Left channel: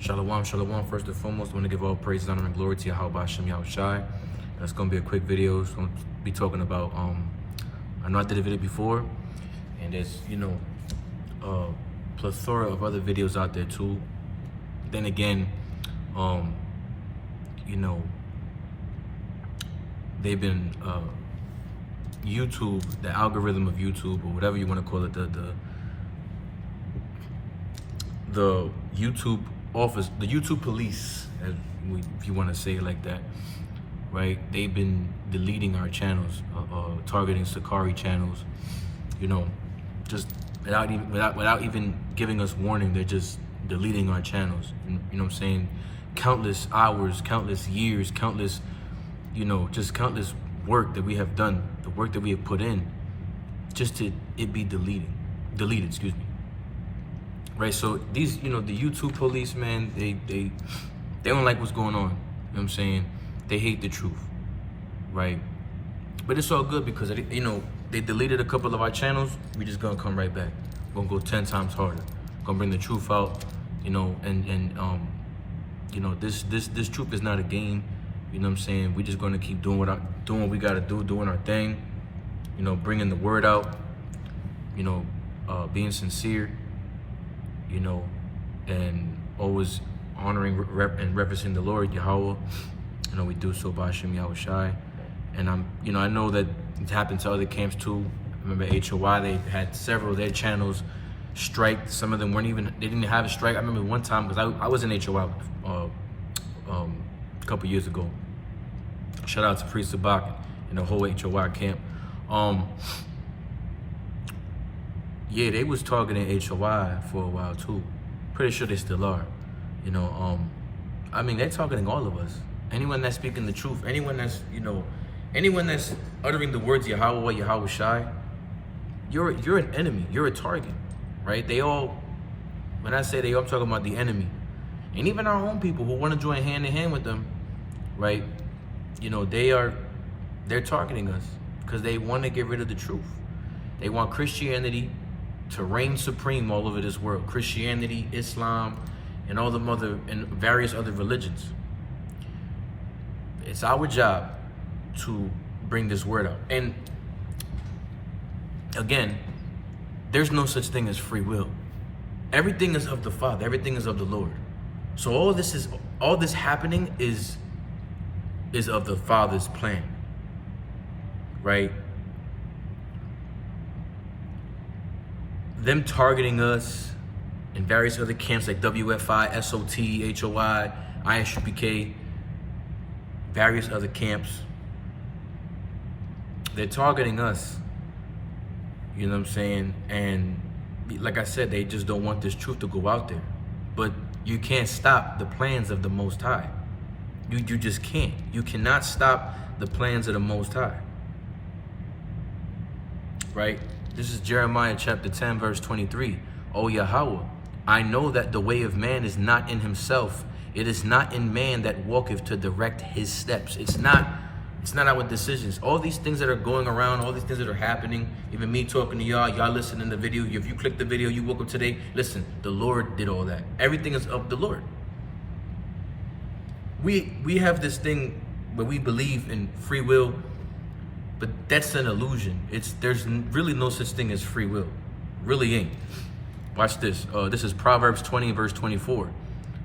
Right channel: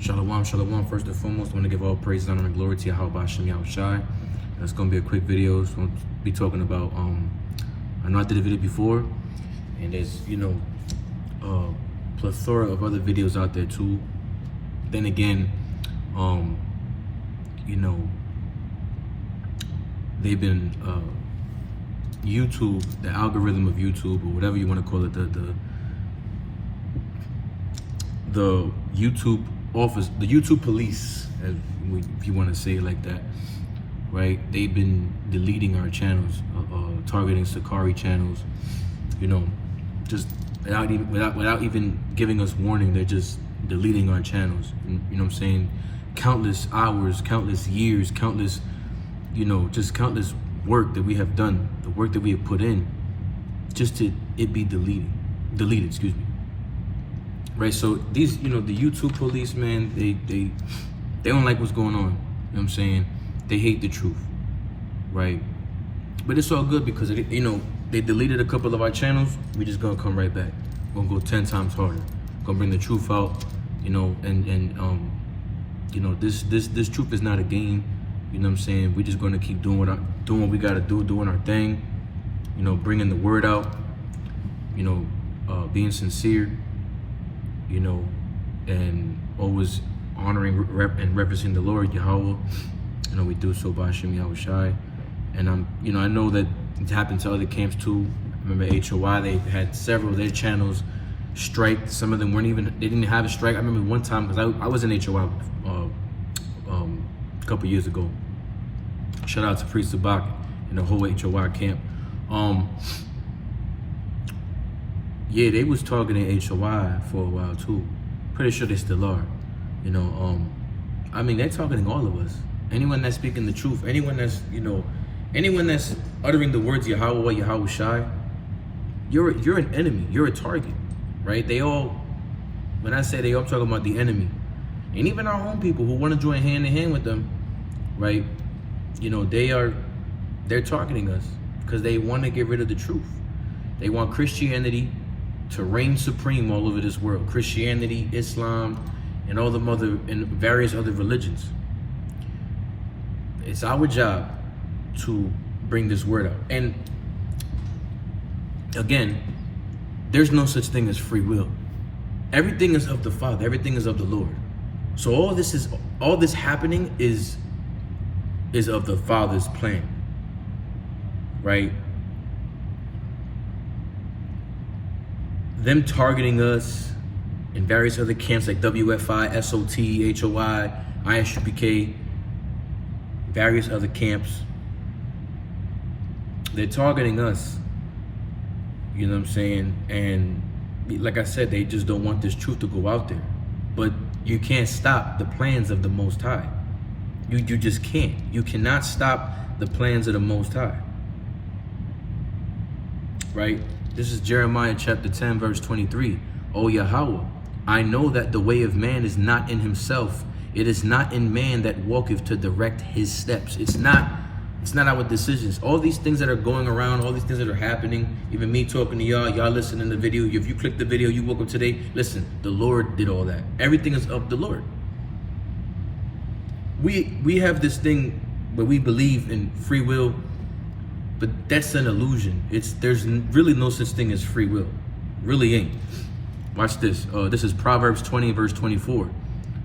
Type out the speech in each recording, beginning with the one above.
Shalom, shalom. First and foremost, I want to give all praise, honor, and glory to Yahweh Hashem Yahushai. That's going to be a quick video. So I'm going to be talking about, I know I did a video before, and there's, a plethora of other videos out there too. Then again, they've been, YouTube, the algorithm of YouTube, or whatever you want to call it, the YouTube office, the YouTube police, if you want to say it like that, right? They've been deleting our channels, targeting SICARII channels, just without even giving us warning. They're just deleting our channels, and, you know what I'm saying? Countless hours, countless years, countless, just countless work that we have done, the work that we have put in, just to it be deleted, excuse me. Right, so these, the YouTube police, man, they don't like what's going on. You know what I'm saying? They hate the truth, right? But it's all good because they deleted a couple of our channels. We just gonna come right back. We're gonna go 10 times harder. Gonna bring the truth out, this truth is not a game. You know what I'm saying? We're just gonna keep doing what we gotta do, doing our thing. Bringing the word out. Being sincere. And always honoring and representing the Lord, Yahweh. We do so by Hashem Yahushai. And I know that it happened to other camps too. I remember HOI, they had several of their channels striked. Some of them they didn't have a strike. I remember one time, because I was in HOI a couple years ago. Shout out to Priest Sabak and the whole HOI camp. Yeah, they was targeting HOI for a while too. Pretty sure they still are. They're targeting all of us. Anyone that's speaking the truth, anyone that's uttering the words Yahweh, Yahushai, you're an enemy. You're a target, right? When I say they all, I'm talking about the enemy. And even our home people who want to join hand in hand with them, right? They're targeting us because they want to get rid of the truth. They want Christianity to reign supreme all over this world. Christianity, Islam, and all and various other religions. It's our job to bring this word out. And again, there's no such thing as free will. Everything is of the Father. Everything is of the Lord. So all this happening is of the Father's plan, right? Them targeting us in various other camps like WFI, SOT, HOI, ISRAELITE, various other camps. They're targeting us, you know what I'm saying? And like I said, they just don't want this truth to go out there. But you can't stop the plans of the Most High. You just can't. You cannot stop the plans of the Most High. Right? This is Jeremiah chapter 10, verse 23. O Yahweh, I know that the way of man is not in himself. It is not in man that walketh to direct his steps. It's not our decisions. All these things that are going around, all these things that are happening, even me talking to y'all listening to the video. If you click the video, you woke up today, listen, the Lord did all that. Everything is of the Lord. We have this thing where we believe in free will, but that's an illusion. There's really no such thing as free will. Really ain't. Watch this. This is Proverbs 20, verse 24.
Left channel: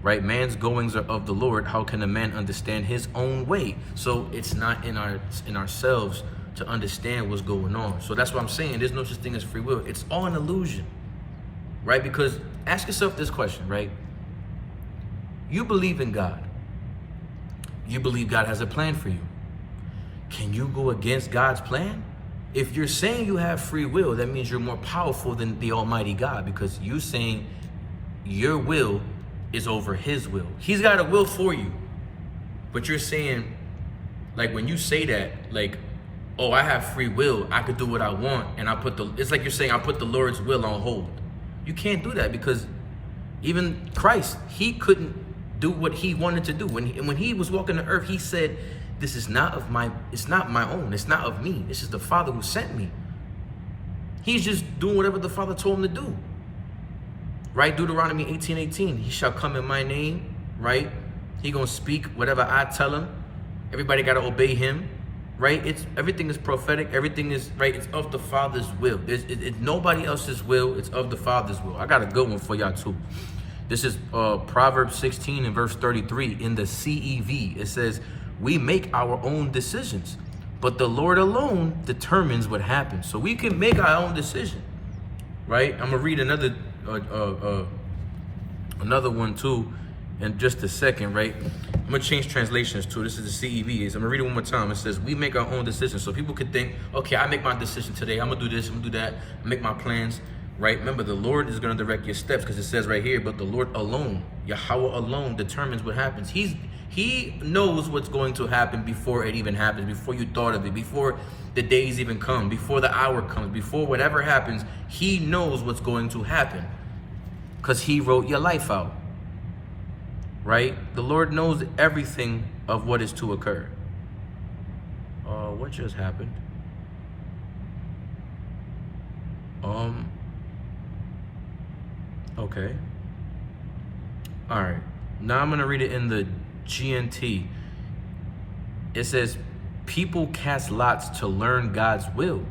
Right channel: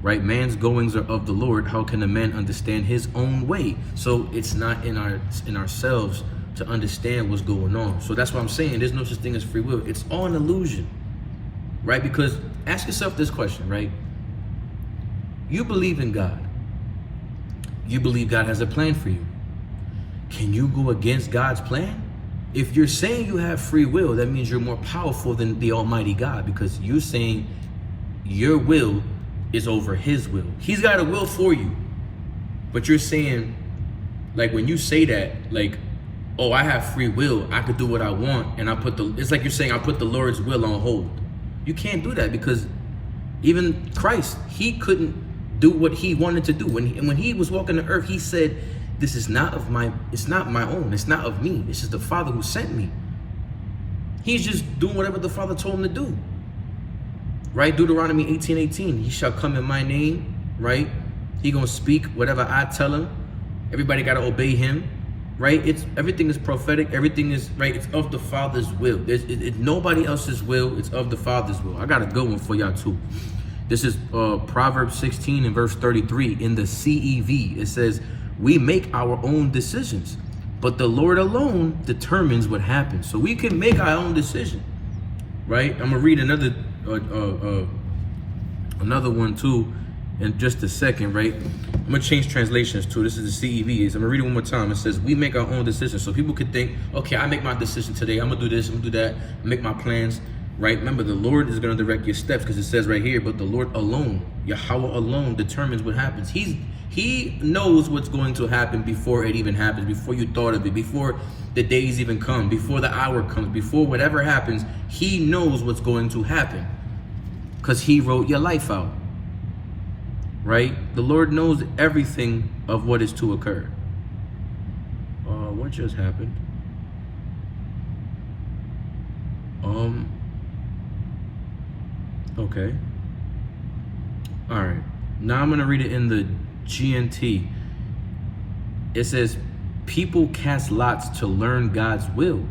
Right? Man's goings are of the Lord. How can a man understand his own way? So it's not in ourselves to understand what's going on. So that's what I'm saying. There's no such thing as free will. It's all an illusion. Right? Because ask yourself this question, right? You believe in God. You believe God has a plan for you. Can you go against God's plan? If you're saying you have free will, that means you're more powerful than the Almighty God, because you're saying your will is over His will. He's got a will for you. But you're saying, like when you say that, like, oh, I have free will, I could do what I want, and it's like you're saying I put the Lord's will on hold. You can't do that, because even Christ, He couldn't do what He wanted to do. When He was walking the earth, He said, this is not it's not my own, it's not of me, this is the Father who sent me. He's just doing whatever the Father told Him to do. right? Deuteronomy 18:18. He shall come in my name, right? He gonna speak whatever I tell him. Everybody gotta obey him, right? Everything is prophetic. Everything is right. It's of the Father's will. It's nobody else's will. It's of the Father's will. I got a good one for y'all too. This is Proverbs 16 and verse 33 in the CEV. It says, "We make our own decisions, but the Lord alone determines what happens." So we can make our own decision, right? I'm gonna read another one too in just a second, right? I'm gonna change translations too. This is the CEV. I'm gonna read it one more time. It says, "We make our own decisions." So people could think, okay, I make my decision today. I'm gonna do this. I'm gonna do that. Make my plans. Right? Remember, the Lord is going to direct your steps, because it says right here, but the Lord alone, Yahweh alone, determines what happens. He knows what's going to happen before it even happens, before you thought of it, before the days even come, before the hour comes, before whatever happens. He knows what's going to happen because he wrote your life out. Right? The Lord knows everything of what is to occur. What just happened? Okay. All right. Now I'm going to read it in the GNT. It says, "People cast lots to learn God's will,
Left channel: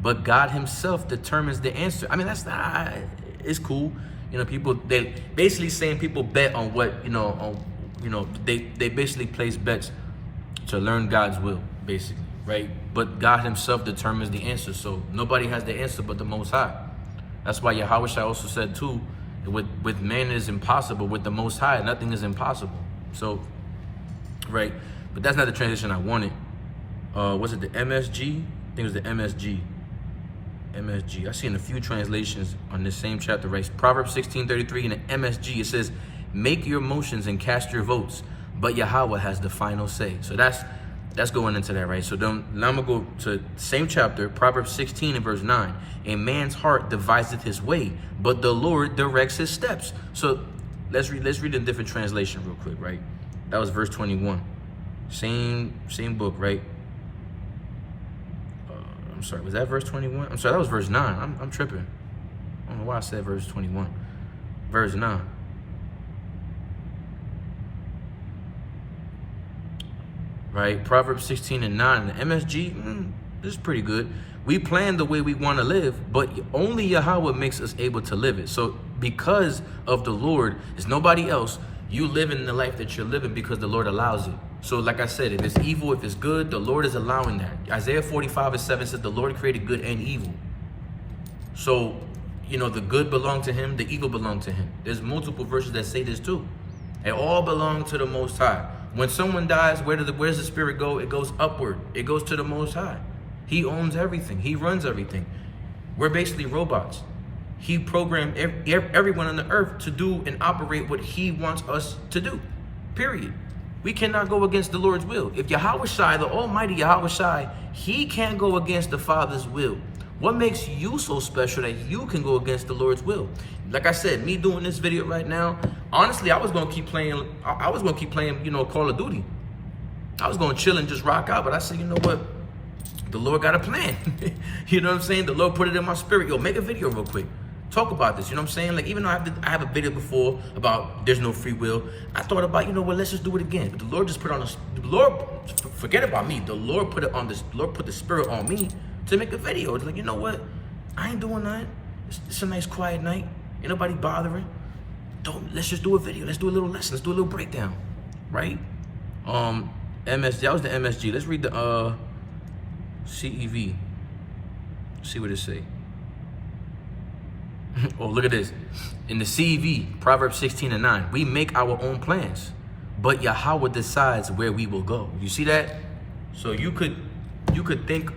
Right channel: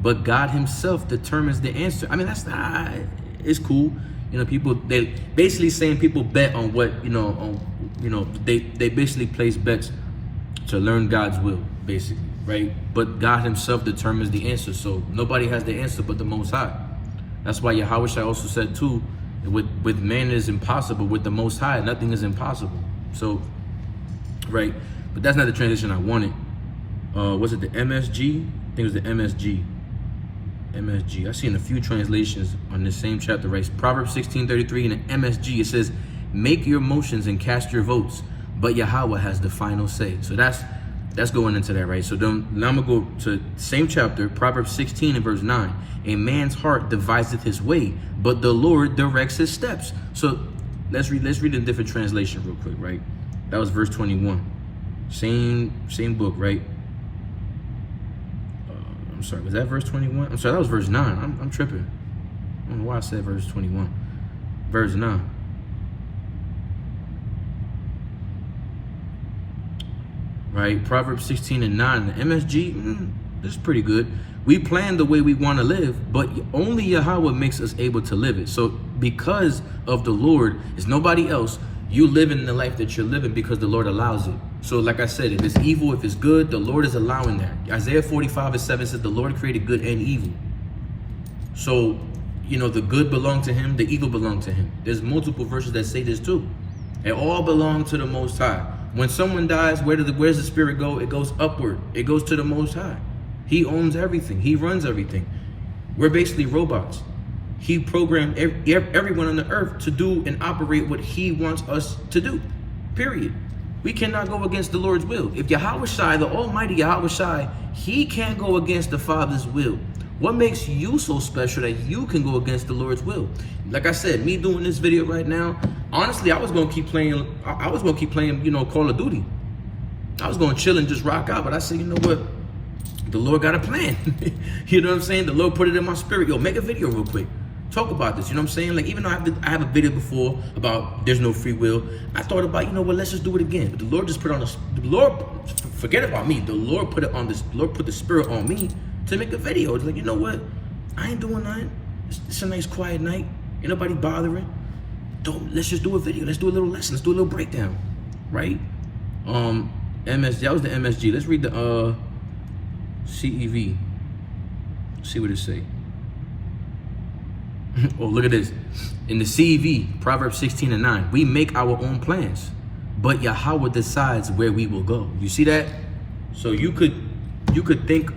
but God himself determines the answer." I mean, that's not, it's cool. You know, people, they basically saying people bet on what, they basically place bets to learn God's will, basically, right? But God himself determines the answer. So nobody has the answer but the Most High. That's why Yahweh also said too, with man it is impossible, with the Most High nothing is impossible. So, right, but that's not the transition I wanted. Was it the MSG? I think it was the MSG. MSG. I've seen a few translations on this same chapter, right? Proverbs 16:33 in the MSG, it says, "Make your motions and cast your votes, but Yahweh has the final say." So that's going into that, right? So now I'm gonna go to same chapter, Proverbs 16 and verse 9. "A man's heart deviseth his way, but the Lord directs his steps." So let's read in a different translation real quick, right? That was verse 21. Same book, right? I'm sorry, was that verse 21? I'm sorry, that was verse 9. I'm tripping. I don't know why I said verse 21. Verse 9. Right, Proverbs 16 and 9. The MSG, this is pretty good. "We plan the way we want to live, but only Yahweh makes us able to live it." So because of the Lord, it's nobody else. You live in the life that you're living because the Lord allows it. So like I said, if it's evil, if it's good, the Lord is allowing that. Isaiah 45:7 says the Lord created good and evil. So, the good belonged to him, the evil belonged to him. There's multiple verses that say this too. They all belong to the Most High. When someone dies, where does the spirit go? It goes upward. It goes to the Most High. He owns everything. He runs everything. We're basically robots. He programmed everyone on the earth to do and operate what he wants us to do. Period. We cannot go against the Lord's will. If Yahweh Shai, the Almighty Yahweh Shai, he can't go against the Father's will. What makes you so special that you can go against the Lord's will? Like I said, me doing this video right now, honestly, I was gonna keep playing. Call of Duty. I was gonna chill and just rock out, but I said, you know what? The Lord got a plan. You know what I'm saying? The Lord put it in my spirit. Yo, make a video real quick. Talk about this. You know what I'm saying? Like, even though I have a video before about there's no free will, I thought about, let's just do it again. But the Lord just put on the Lord. Forget about me. The Lord put it on this. The Lord put the spirit on me to make a video. It's like, you know what? I ain't doing nothing. It's a nice quiet night. Ain't nobody bothering. Let's just do a video. Let's do a little lesson. Let's do a little breakdown, right? MSG. That was the MSG. Let's read the CEV. See what it say. Oh, look at this. In the CEV, Proverbs 16 and 9, "We make our own plans, but Yahweh decides where we will go." You see that? So you could think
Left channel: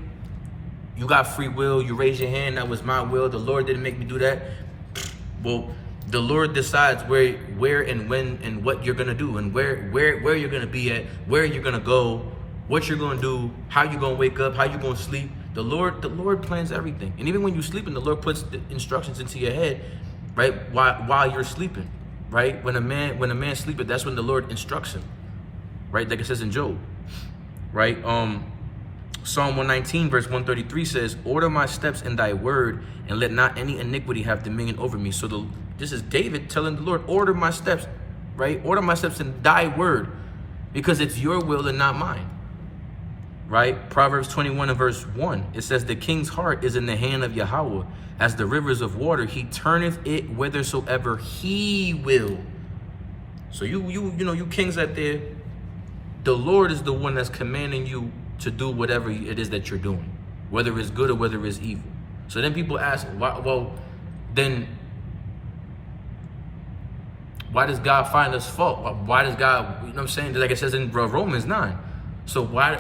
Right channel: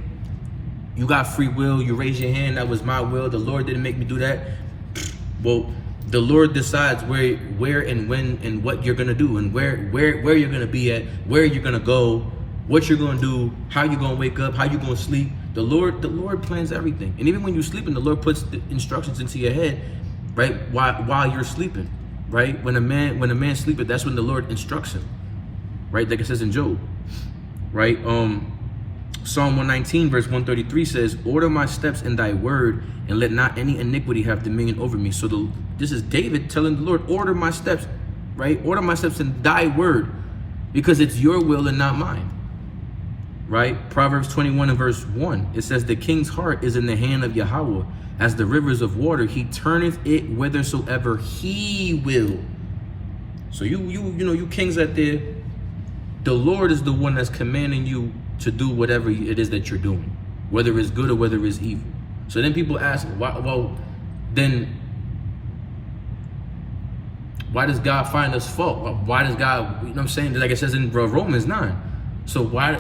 you got free will. You raise your hand. That was my will. The Lord didn't make me do that. Well, the Lord decides where and when and what you're gonna do, and where you're gonna be at, where you're gonna go, what you're gonna do, how you're gonna wake up, how you're gonna sleep. The Lord plans everything. And even when you're sleeping, the Lord puts the instructions into your head, right? While you're sleeping, right? When a man sleepeth, that's when the Lord instructs him, right? Like it says in Job, right? Psalm 119 verse 133 says, "Order my steps in thy word, and let not any iniquity have dominion over me." So This is David telling the Lord, order my steps, right? Order my steps in thy word, because it's your will and not mine, right? Proverbs 21 and verse 1, it says, the king's heart is in the hand of Yahweh, as the rivers of water. He turneth it whithersoever he will. So you kings out there, the Lord is the one that's commanding you to do whatever it is that you're doing, whether it's good or whether it's evil. So then people ask, why? Well, then why does God find us fault? Why does God, you know what I'm saying? Like it says in Romans 9. So why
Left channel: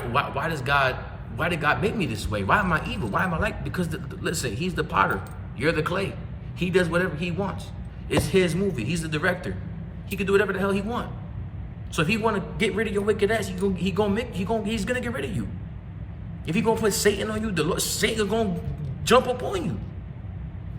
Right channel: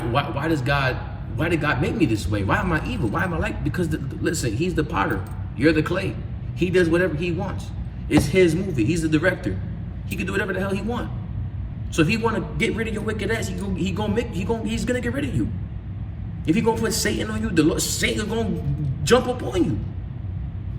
did God make me this way? Why am I evil? Why am I like? Because listen, he's the potter. You're the clay. He does whatever he wants. It's his movie. He's the director. He can do whatever the hell he wants. So if he want to get rid of your wicked ass, he's gonna get rid of you. If he gonna put Satan on you, Satan is gonna jump up on you.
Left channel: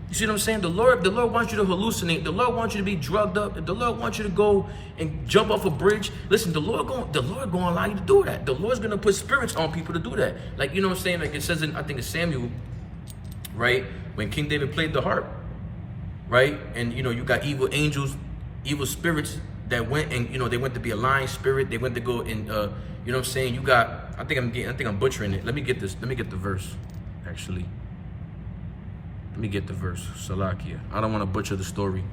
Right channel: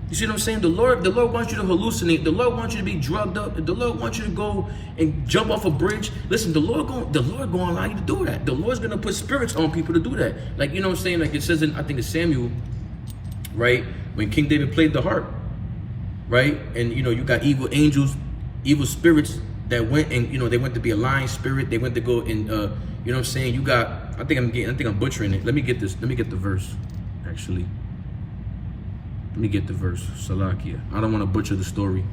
You see what I'm saying? The Lord wants you to hallucinate. The Lord wants you to be drugged up. The Lord wants you to go and jump off a bridge. Listen, the Lord gonna allow you to do that. The Lord's gonna put spirits on people to do that. Like, you know what I'm saying? Like it says in, I think it's Samuel, right? When King David played the harp, right? And you got evil angels, evil spirits that went and they went to be a lying spirit. They went to go and you know what I'm saying? You got, I think I'm butchering it. Let me get the verse, actually. Let me get the verse. Salakia. I don't want to butcher the story.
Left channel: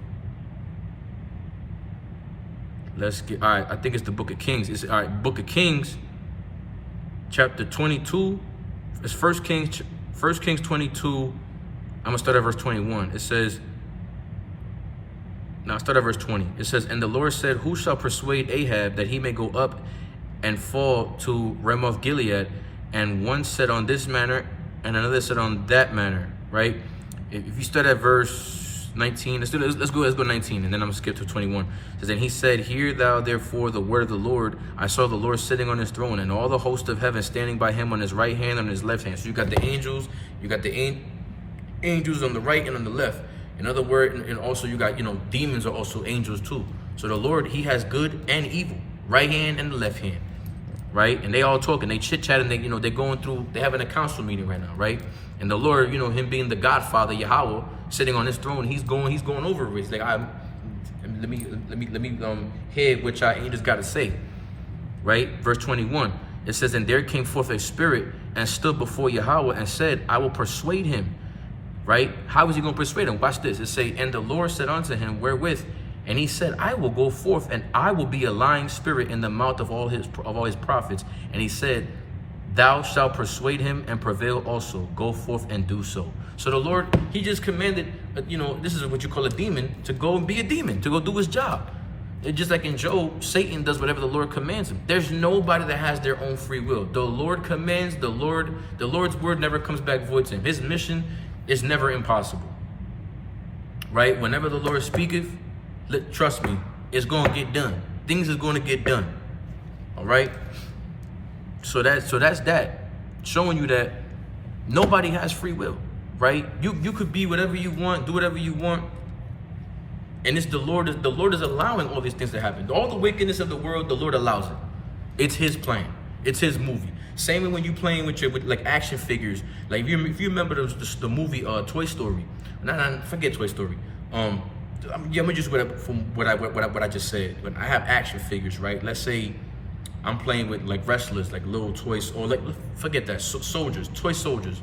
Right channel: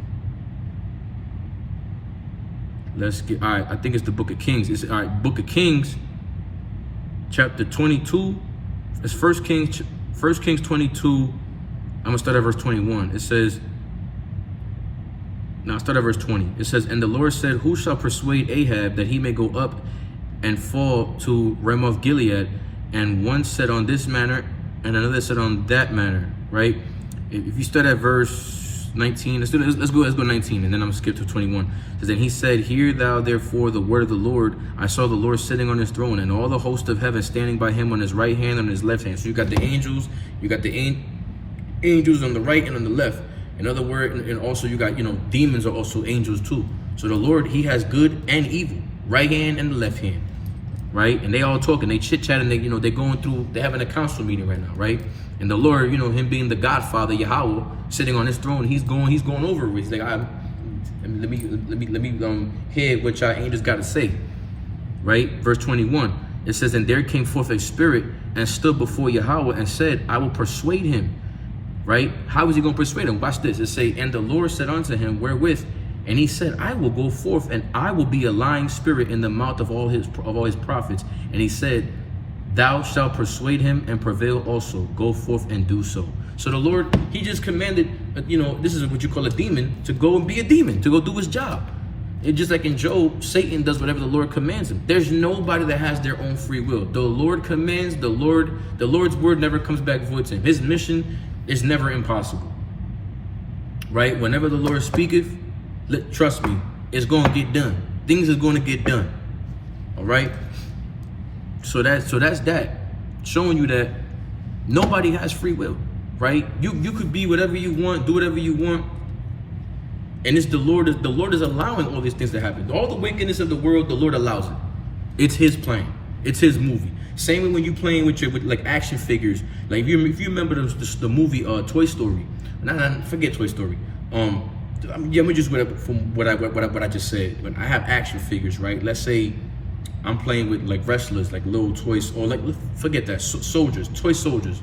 Let's get, all right, I think it's the Book of Kings. It's, all right, Book of Kings, chapter 22. It's 1 Kings 22. I'm going to start at verse 21. It says, now start at verse 20. It says, and the Lord said, who shall persuade Ahab that he may go up and fall to Ramoth Gilead? And one said on this manner, and another said on that manner, right? If you start at verse 19, let's go 19, and then I'm gonna skip to 21. It says, and he said, hear thou therefore the word of the Lord. I saw the Lord sitting on his throne, and all the host of heaven standing by him on his right hand and on his left hand. So you got the angels, angels on the right and on the left. In other words, and also you got, demons are also angels too. So the Lord, he has good and evil, right hand and the left hand, right? And they all talking, they chit-chatting, they're going through, they're having a council meeting right now, right? And the Lord, him being the Godfather, Yahweh, sitting on his throne, he's going over it. He's like, let me hear what y'all angels got to say, right? Verse 21, it says, and there came forth a spirit and stood before Yahweh and said, I will persuade him, right? How is he going to persuade him? Watch this. It say, and the Lord said unto him, wherewith? And he said, I will go forth, and I will be a lying spirit in the mouth of all his prophets. And he said, thou shalt persuade him and prevail also. Go forth and do so. So the Lord, he just commanded, this is what you call a demon, to go and be a demon, to go do his job. It's just like in Job, Satan does whatever the Lord commands him. There's nobody that has their own free will. The Lord commands, the Lord's word never comes back void to him. His mission is never impossible, right? Whenever the Lord speaketh, trust me, it's going to get done. Things is going to get done, all right? So that's that, showing you that nobody has free will, right? You could be whatever you want, do whatever you want, and it's the Lord is allowing all these things to happen. All the wickedness of the world, the Lord allows it. It's his plan. It's his movie. Same when you playing with like action figures. Like if you remember the movie Toy Story. Forget Toy Story. Let me just from what I just said. When I have action figures, right? Let's say I'm playing with like wrestlers, like little toys, or like forget that, soldiers, toy soldiers.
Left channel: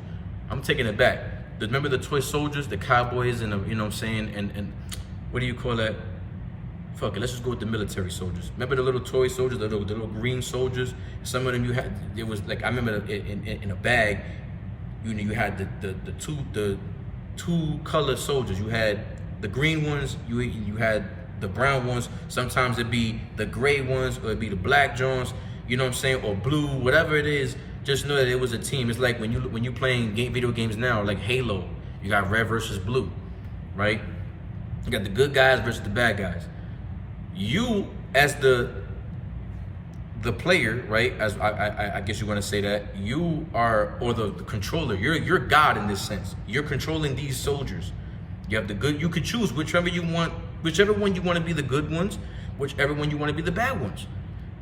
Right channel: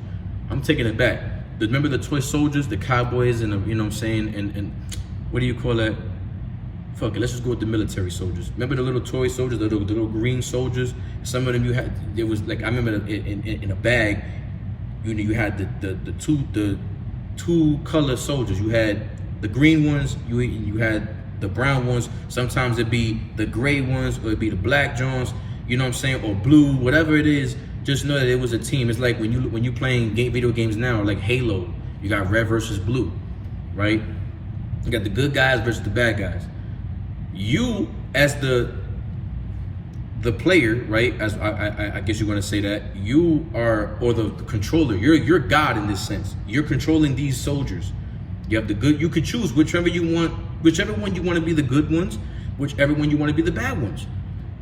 I'm taking it back. Remember the toy soldiers, the cowboys, and you know what I'm saying, and what do you call that? Fuck it, let's just go with the military soldiers. Remember the little toy soldiers, the little green soldiers? Some of them there was like, I remember in a bag, you had the two color soldiers. You had the green ones, you had the brown ones. Sometimes it'd be the gray ones, or it'd be the black Jones, you know what I'm saying, or blue, whatever it is. Just know that it was a team. It's like when you playing video games now, like Halo, you got red versus blue, right? You got the good guys versus the bad guys. You as the player, right? As I guess you want to say that you are, or the controller. You're God in this sense. You're controlling these soldiers. You have the good. You could choose whichever one you want to be the good ones, whichever one you want to be the bad ones.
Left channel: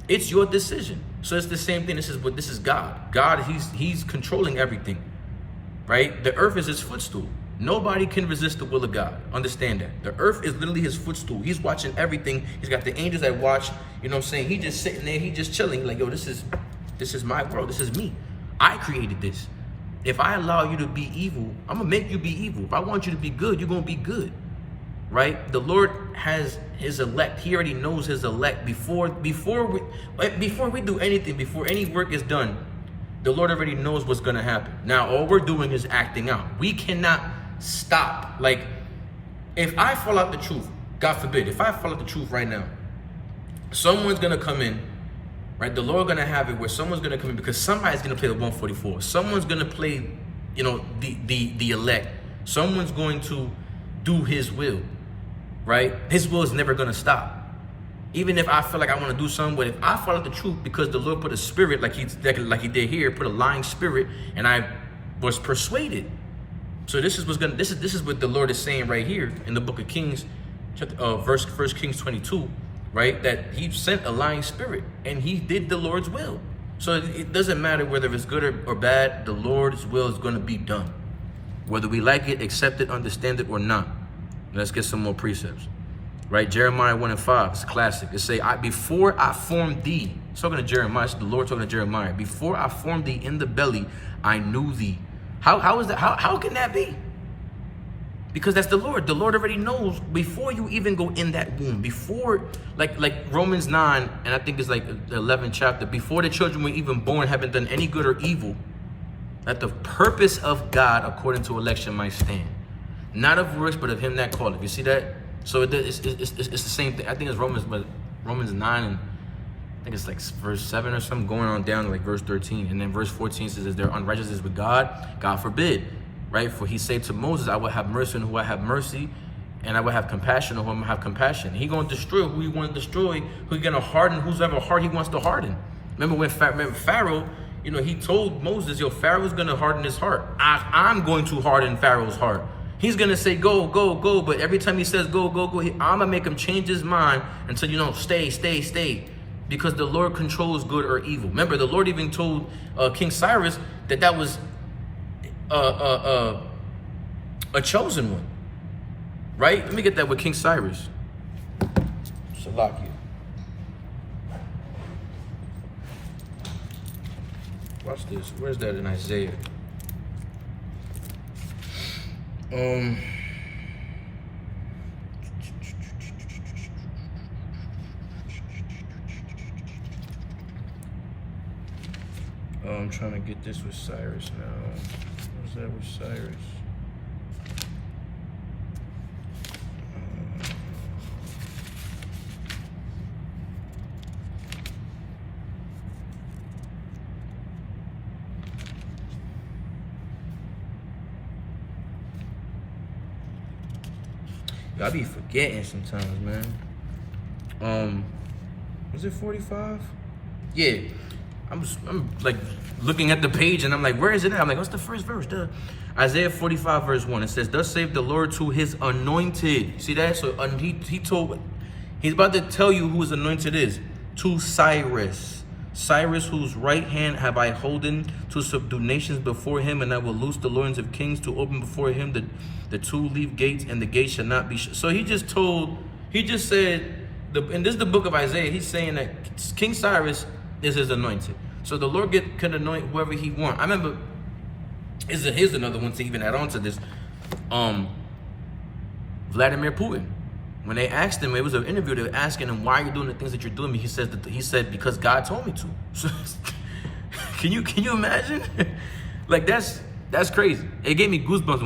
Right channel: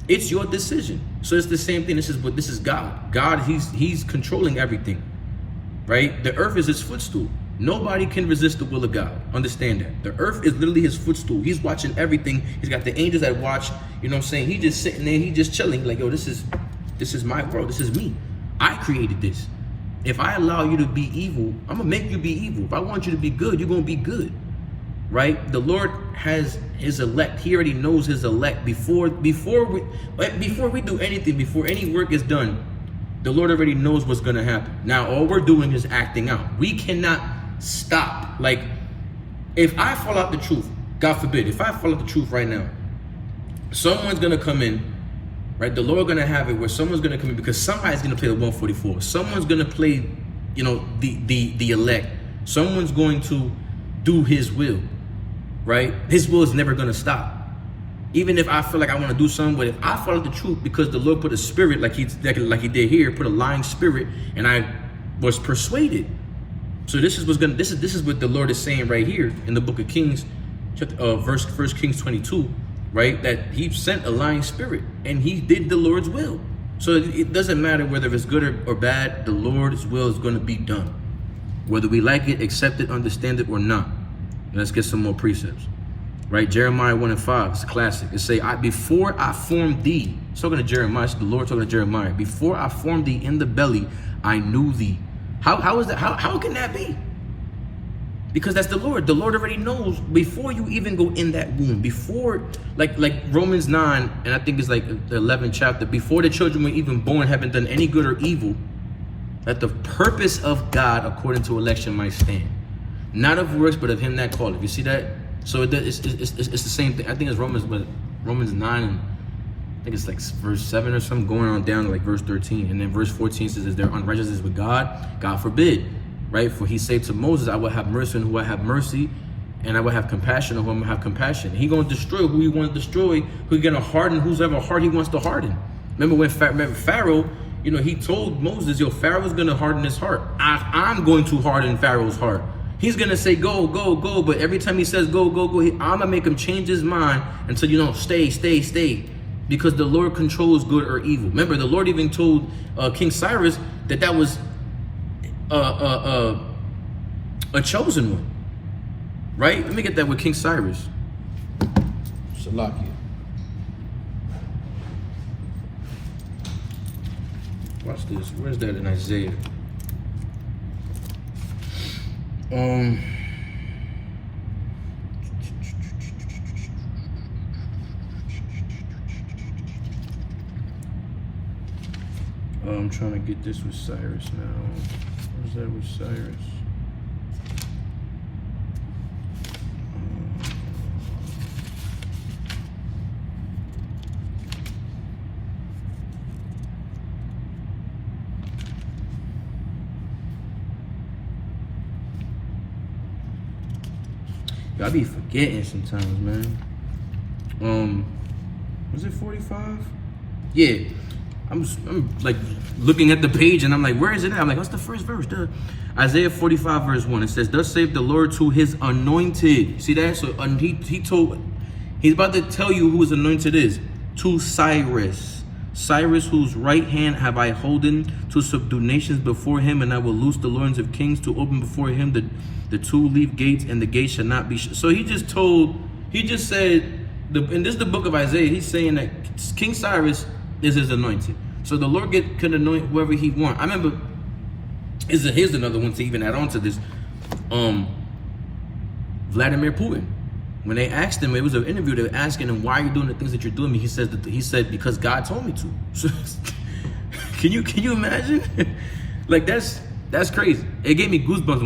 It's your decision. So it's the same thing. This is God. God, he's controlling everything, right? The earth is his footstool. Nobody can resist the will of God. Understand that. The earth is literally his footstool. He's watching everything. He's got the angels that watch. You know what I'm saying? He just sitting there. He just chilling. He's like, yo, this is my world. This is me. I created this. If I allow you to be evil, I'm going to make you be evil. If I want you to be good, you're going to be good. Right? The Lord has his elect. He already knows his elect before we do anything, before any work is done. The Lord already knows what's going to happen. Now, all we're doing is acting out. We cannot stop. Like, if I fall out the truth, God forbid, if I fall out the truth right now, someone's going to come in, right? The Lord going to have it where someone's going to come in because somebody's going to play the 144. Someone's going to play, you know, the elect. Someone's going to do his will, right? His will is never going to stop. Even if I feel like I want to do something, but if I follow the truth because the Lord put a spirit like he did here, put a lying spirit, and I was persuaded. So this is what the Lord is saying right here in the book of Kings, verse 1 Kings 22, right? That he sent a lying spirit and he did the Lord's will. So it doesn't matter whether it's good or bad, the Lord's will is going to be done. Whether we like it, accept it, understand it or not. Let's get some more precepts. Right, Jeremiah 1:5, it's a classic. It say, before I formed thee, it's talking to Jeremiah, it's the Lord talking to Jeremiah. Before I formed thee in the belly, I knew thee. How is that? How can that be? Because that's the Lord. The Lord already knows before you even go in that womb. Before, like Romans 9, and I think it's like the 11th chapter. Before the children were even born, haven't done any good or evil, that the purpose of God according to election might stand, not of works, but of him that calleth. You see that? So it's the same thing. I think it's Romans 9, and I think it's like verse 7 or something, going on down to like verse 13. And then verse 14 says, is there unrighteousness with God? God forbid. Right? For he said to Moses, I will have mercy on who I have mercy, and I will have compassion on whom I have compassion. He going to destroy who he wants to destroy, who he going to harden whoever heart he wants to harden. Remember Pharaoh, you know, he told Moses, yo, Pharaoh's going to harden his heart. I'm going to harden Pharaoh's heart. He's going to say, go, go, go. But every time he says, go, go, go, I'm going to make him change his mind until, you know, stay, stay, stay. Because the Lord controls good or evil. Remember, the Lord even told King Cyrus that was a chosen one. Right? Let me get that with King Cyrus. Shalaki. Watch this. Where's that in Isaiah? I'm trying to get this with Cyrus now. Where's that with Cyrus? I be forgetting sometimes, man. Was it 45? Yeah. I'm like looking at the page and I'm like, where is it at? I'm like, what's the first verse? Duh. Isaiah 45 verse 1. It says, thus saith the Lord to his anointed. See that? So he's about to tell you who his anointed is. To Cyrus. Cyrus, whose right hand have I holden to subdue nations before him, and I will loose the loins of kings to open before him the two-leaf gates, and the gates shall not be shut. So he just said, and this is the book of Isaiah, he's saying that King Cyrus is his anointed. So the Lord can anoint whoever he wants. I remember, here's another one to even add on to this. Vladimir Putin. When they asked him, it was an interview, they were asking him, why are you doing the things that you're doing? He said, because God told me to. Can you imagine? Like that's crazy. It gave me goosebumps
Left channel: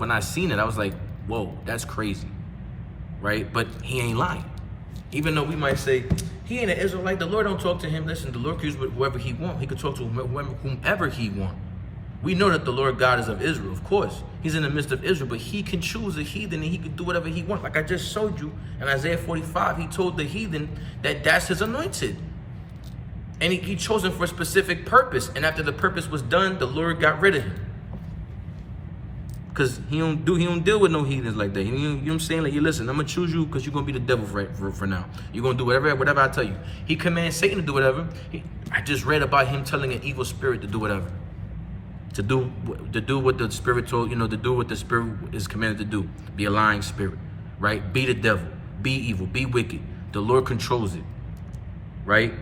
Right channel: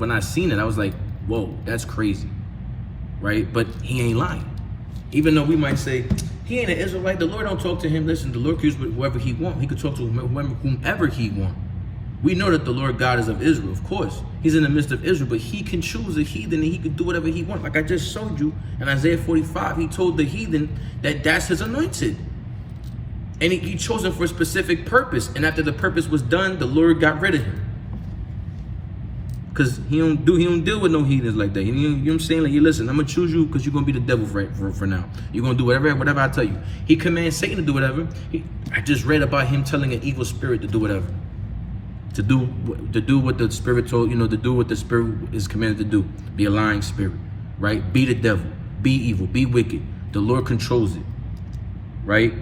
when I seen it. I was like, whoa, that's crazy. Right? But he ain't lying. Even though we might say, he ain't an Israelite, the Lord don't talk to him. Listen, the Lord can use whoever he wants. He could talk to whomever he wants. We know that the Lord God is of Israel, of course. He's in the midst of Israel, but he can choose a heathen and he can do whatever he wants. Like I just showed you in Isaiah 45, he told the heathen that that's his anointed. And he chose him for a specific purpose. And after the purpose was done, the Lord got rid of him. Because he don't deal with no heathens like that. You know what I'm saying? Like, you listen, I'm going to choose you because you're going to be the devil for now. You're going to do whatever I tell you. He commands Satan to do whatever. I just read about him telling an evil spirit to do whatever. To do what the Spirit told, to do what the Spirit is commanded to do. Be a lying spirit, right? Be the devil, be evil, be wicked. The Lord controls it, right?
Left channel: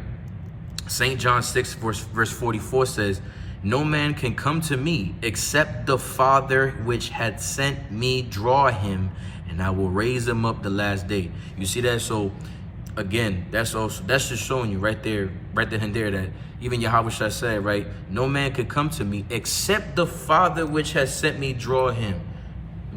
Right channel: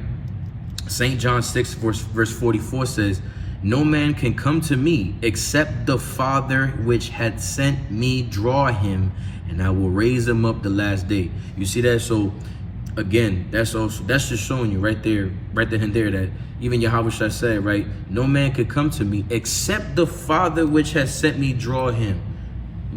St. John 6 verse 44 says, no man can come to me except the Father which had sent me draw him, and I will raise him up the last day. You see that? So again, that's just showing you right there and there that even Yahweh said, right? No man could come to me except the Father which has sent me draw him.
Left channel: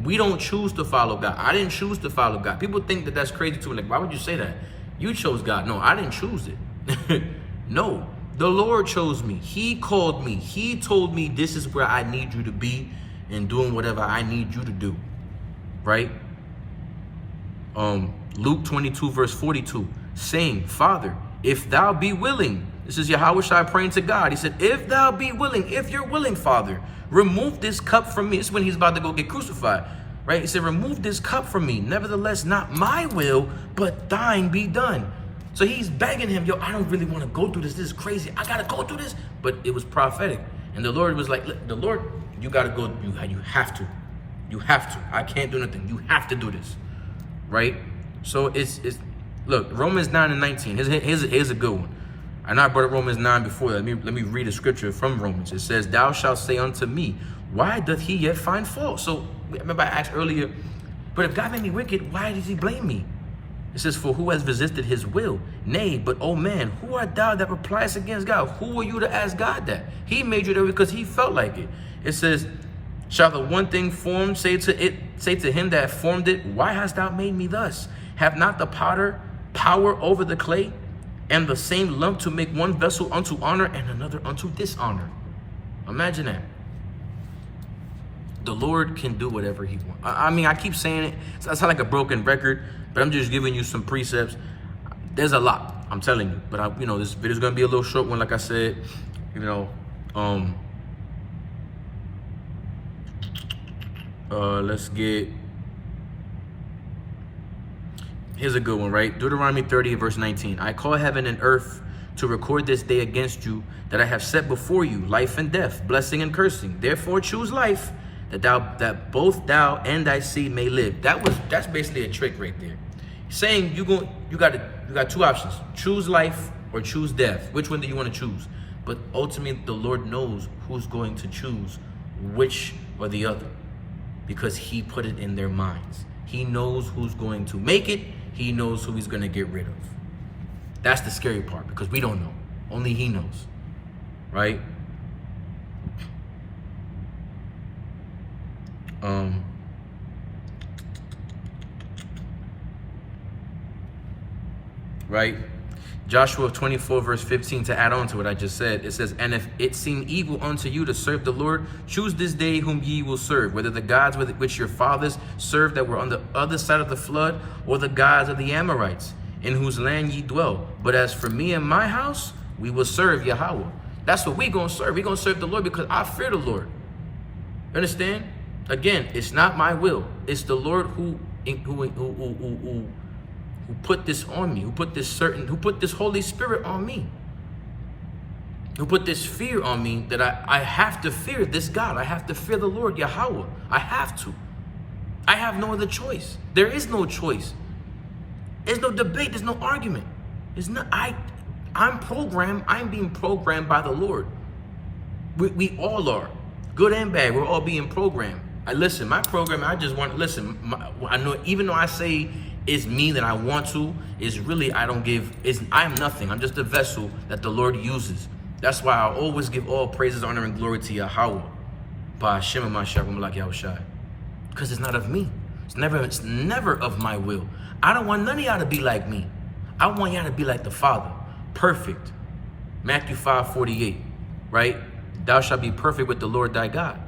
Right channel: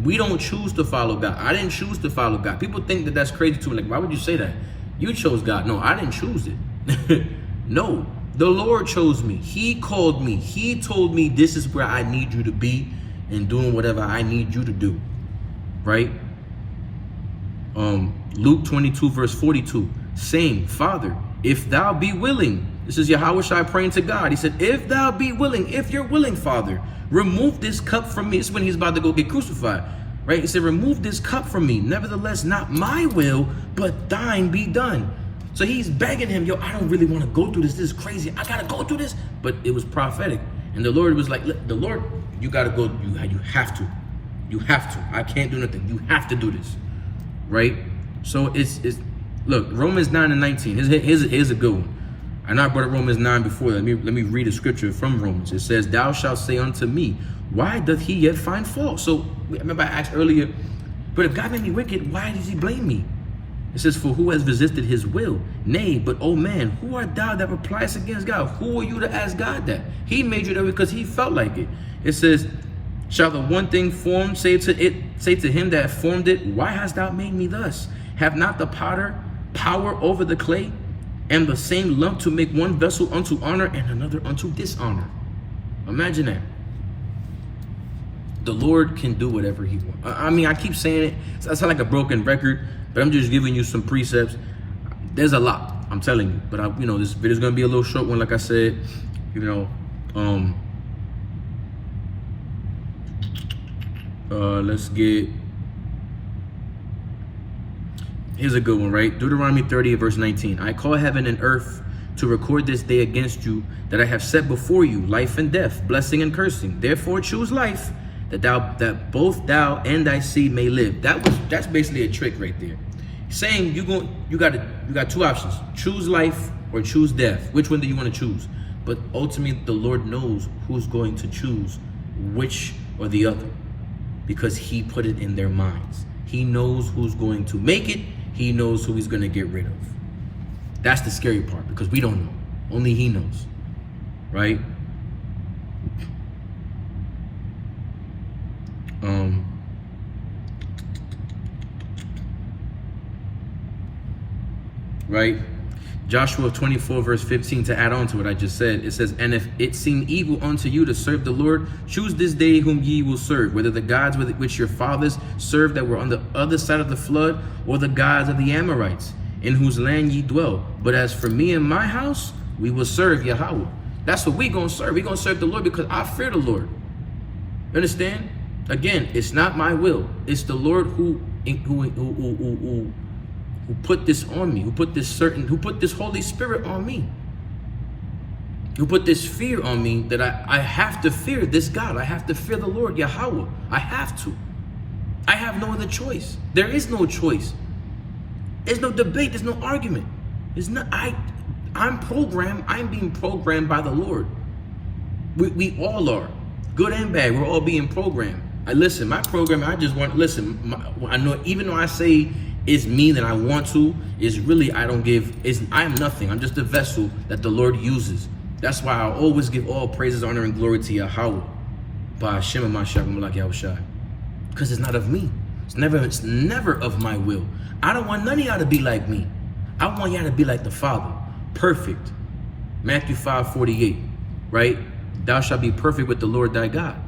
We don't choose to follow God. I didn't choose to follow God. People think that that's crazy too. Like, why would you say that? You chose God. No, I didn't choose it. No, the Lord chose me. He called me. He told me this is where I need you to be and doing whatever I need you to do, right? Luke 22 verse 42, saying, Father, if thou be willing, this is Yahweh Shai praying to God. He said, if thou be willing, if you're willing, Father, remove this cup from me. This is when he's about to go get crucified, right? He said, remove this cup from me. Nevertheless, not my will, but thine be done. So he's begging him, yo, I don't really want to go through this. This is crazy. I got to go through this. But it was prophetic. And the Lord was like, the Lord, you got to go. You have to. You have to. I can't do nothing. You have to do this, right? So it's look, Romans 9 and 19. Here's a good one. I know I brought up Romans 9 before. Let me read a scripture from Romans. It says, thou shalt say unto me, why doth he yet find fault? So remember I asked earlier, but if God made me wicked, why does he blame me? It says, for who has resisted his will? Nay, but oh man, who art thou that replies against God? Who are you to ask God that? He made you that because he felt like it. It says, shall the one thing formed say to him that formed it, why hast thou made me thus? Have not the potter power over the clay, and the same lump to make one vessel unto honor and another unto dishonor? Imagine that. The Lord can do whatever he wants. I mean, I keep saying it. I sound like a broken record, but I'm just giving you some precepts. There's a lot, I'm telling you. But this video is gonna be a little short one, like I said. Let's get. Here's a good one, right? Deuteronomy 30 verse 19. I call heaven and earth to record this day against you, that I have set before you life and death, blessing and cursing. Therefore choose life, that both thou and thy seed may live. That's basically a trick right there. Saying you got two options: choose life or choose death. Which one do you want to choose? But ultimately, the Lord knows who's going to choose which or the other, because he put it in their minds. He knows who's going to make it. He knows who he's going to get rid of. That's the scary part, because we don't know. Only he knows, right? Right? Joshua 24 verse 15, to add on to what I just said, it says, and if it seem evil unto you to serve the Lord, choose this day whom ye will serve, whether the gods which your fathers served that were on the other side of the flood, or the gods of the Amorites, in whose land ye dwell. But as for me and my house, we will serve Yahweh. That's what we gonna serve. We gonna serve the Lord because I fear the Lord. You understand? Again, it's not my will. It's the Lord who put this on me, who put this Holy Spirit on me, who put this fear on me, that I have to fear this God. I have to fear the Lord Yahweh. I have to. I have no other choice. There is no choice. There's no debate. There's no argument. There's not. I'm programmed. I'm being programmed by the Lord. We all are, good and bad. We're all being programmed. Listen, my program. I just want. Listen, I know. Even though I say it's me that I want to, is really I am nothing. I'm just a vessel that the Lord uses. That's why I always give all praises, honor, and glory to Yahweh. By Hashem and Mashiach, like Yahweh Shai. Because it's not of me. It's never of my will. I don't want none of y'all to be like me. I want y'all to be like the Father. Perfect. Matthew 5:48, right? Thou shalt be perfect with the Lord thy God.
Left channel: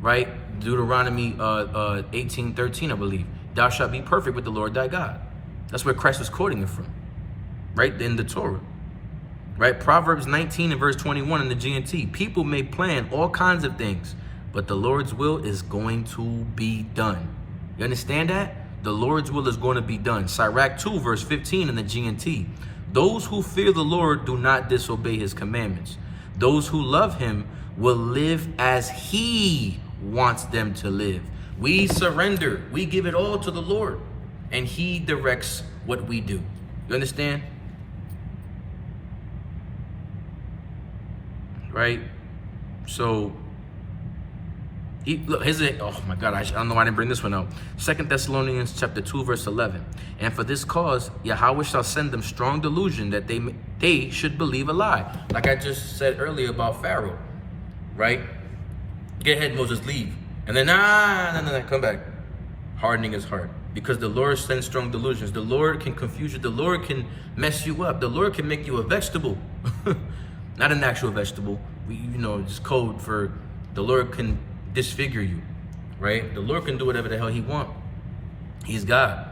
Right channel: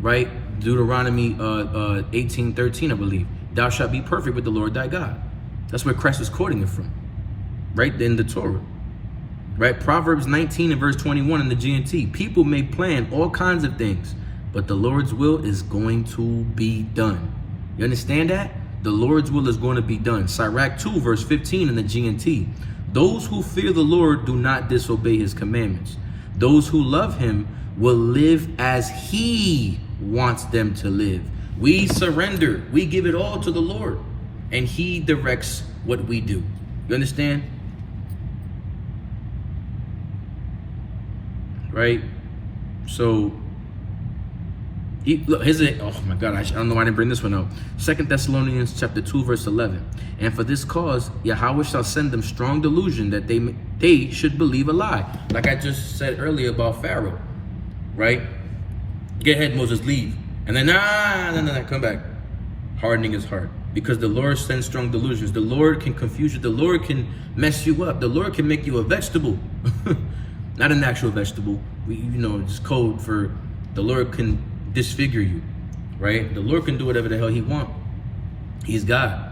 Right? Deuteronomy 18:13, I believe. Thou shalt be perfect with the Lord thy God. That's where Christ was quoting it from. Right? In the Torah. Right? Proverbs 19 and verse 21 in the GNT. People may plan all kinds of things, but the Lord's will is going to be done. You understand that? The Lord's will is going to be done. Sirach 2 verse 15 in the GNT. Those who fear the Lord do not disobey his commandments, Those who love him will live as he wants them to live. We surrender. We give it all to the Lord, and he directs what we do. You understand? Right? So, look, here's it. Oh my God, I don't know why I didn't bring this one out. 2 Thessalonians chapter 2, verse 11. And for this cause, Yahweh shall send them strong delusion that they should believe a lie. Like I just said earlier about Pharaoh, right? Get ahead, Moses, leave. And then, nah, come back. Hardening his heart. Because the Lord sends strong delusions. The Lord can confuse you. The Lord can mess you up. The Lord can make you a vegetable. Not an actual vegetable. It's code for the Lord can disfigure you, right? The Lord can do whatever the hell he wants. He's God,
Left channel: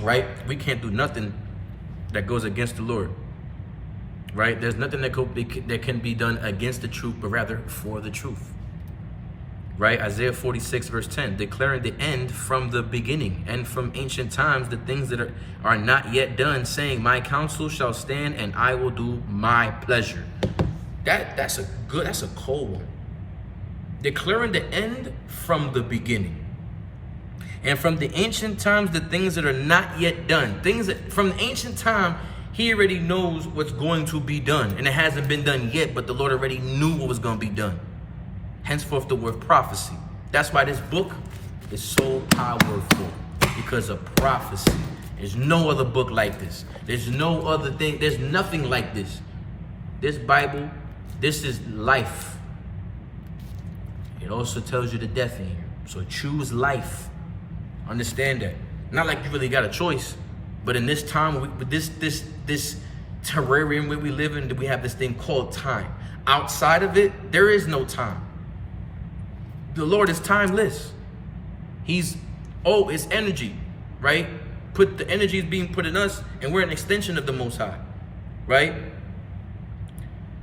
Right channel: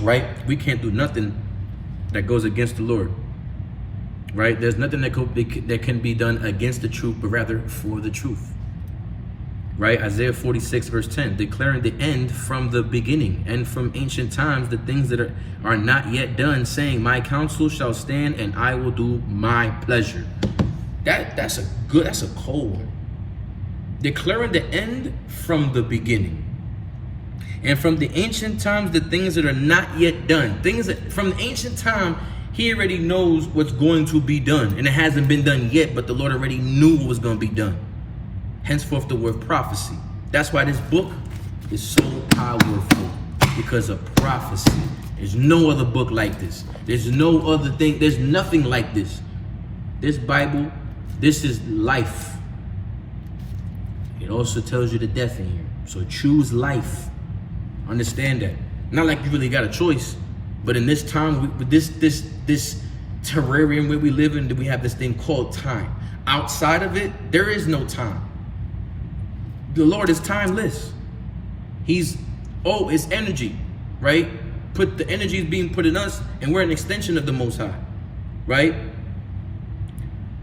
right? We can't do nothing that goes against the Lord, right? There's nothing that can be done against the truth, but rather for the truth, right? Isaiah 46 verse 10, declaring the end from the beginning and from ancient times, the things that are not yet done, saying, my counsel shall stand and I will do my pleasure. That's a cold one. Declaring the end from the beginning. And from the ancient times, the things that are not yet done. Things that from the ancient time, he already knows what's going to be done. And it hasn't been done yet, but the Lord already knew what was going to be done. Henceforth the word prophecy. That's why this book is so powerful. Because of prophecy. There's no other book like this. There's no other thing. There's nothing like this. This Bible, this is life. It also tells you the death in here. So choose life. Understand that. Not like you really got a choice, but in this time, with this terrarium where we live in, we have this thing called time. Outside of it, there is no time. The Lord is timeless. It's energy, right? The energy is being put in us, and we're an extension of the Most High, right?